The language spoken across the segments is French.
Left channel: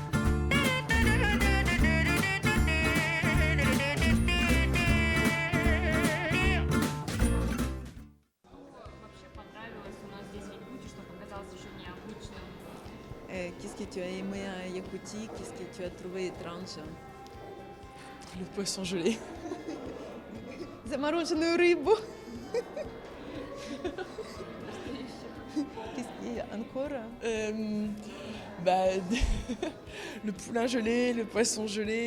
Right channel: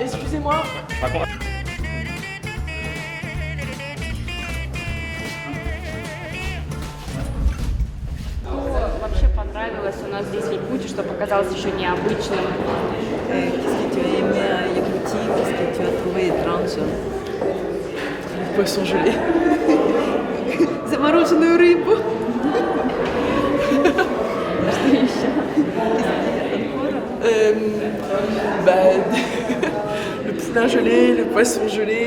Excusez-moi. Вообще понравилось у нас здесь в Якутии, что показалось еще необычным. Qu'est-ce que tu as aimé à Yakoutie? Qu'est-ce que tu as trouvé étrange? Poisson gelé. Замороженную рыбу. Что еще? Le poulain gelé, le poisson gelé.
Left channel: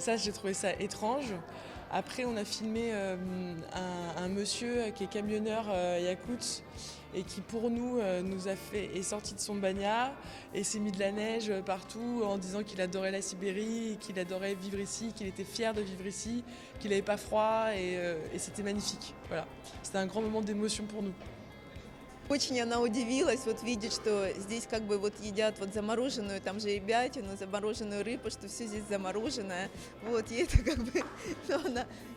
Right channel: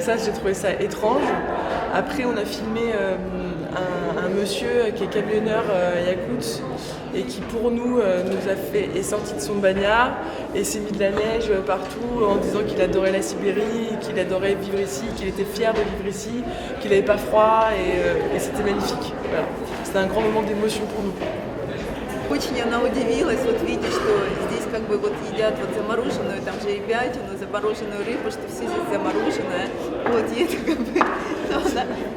Ça, j'ai trouvé ça étrange. Après, on a filmé un monsieur qui est camionneur yakoute et qui, pour nous, est sorti de son bagnard et s'est mis de la neige partout en disant qu'il adorait la Sibérie, qu'il adorait vivre ici, qu'il était fier de vivre ici, qu'il n'avait pas froid et c'était magnifique. Voilà. C'était un grand moment d'émotion pour nous. Очень она удивилась, вот видя, что здесь как бы вот едят вот замороженную, там же и ябятину, замороженную рыбу, что все здесь замороженное. Вот, и это как бы,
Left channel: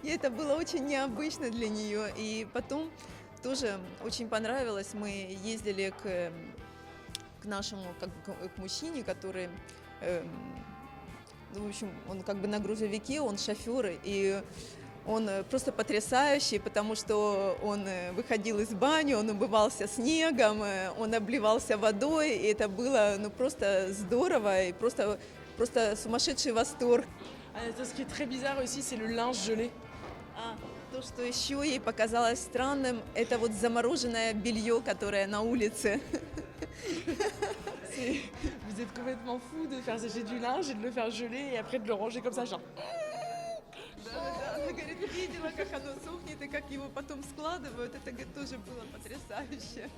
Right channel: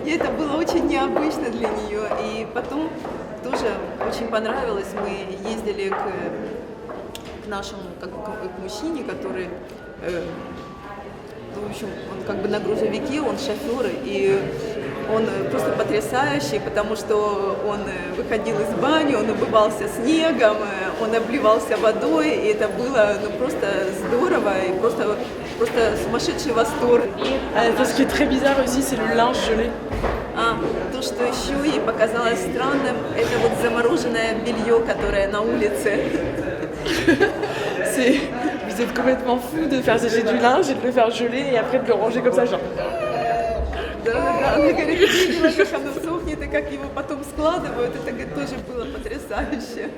и это было очень необычно для нее. И потом тоже очень понравилось, мы ездили к нашему как бы, к мужчине, который, в общем, он как бы на грузовике, он шофер, и он просто потрясающий, потому что он выходил из бани, он умывался снегом, он обливался водой, и это было ну, просто здорово, и просто сумасшедший восторг. Ce qui est très bizarre aussi, c'est le linge gelé. То, что еще ей показалось странным, это вот замороженное белье, которое на улице. Vous êtes complètement fou de faire sécher du linge et de le faire geler et après de le ranger comme ça, genre. Да, она говорит, видела, как оно сохнет и как его потом складывают, это говорит, тоже было потрясающе.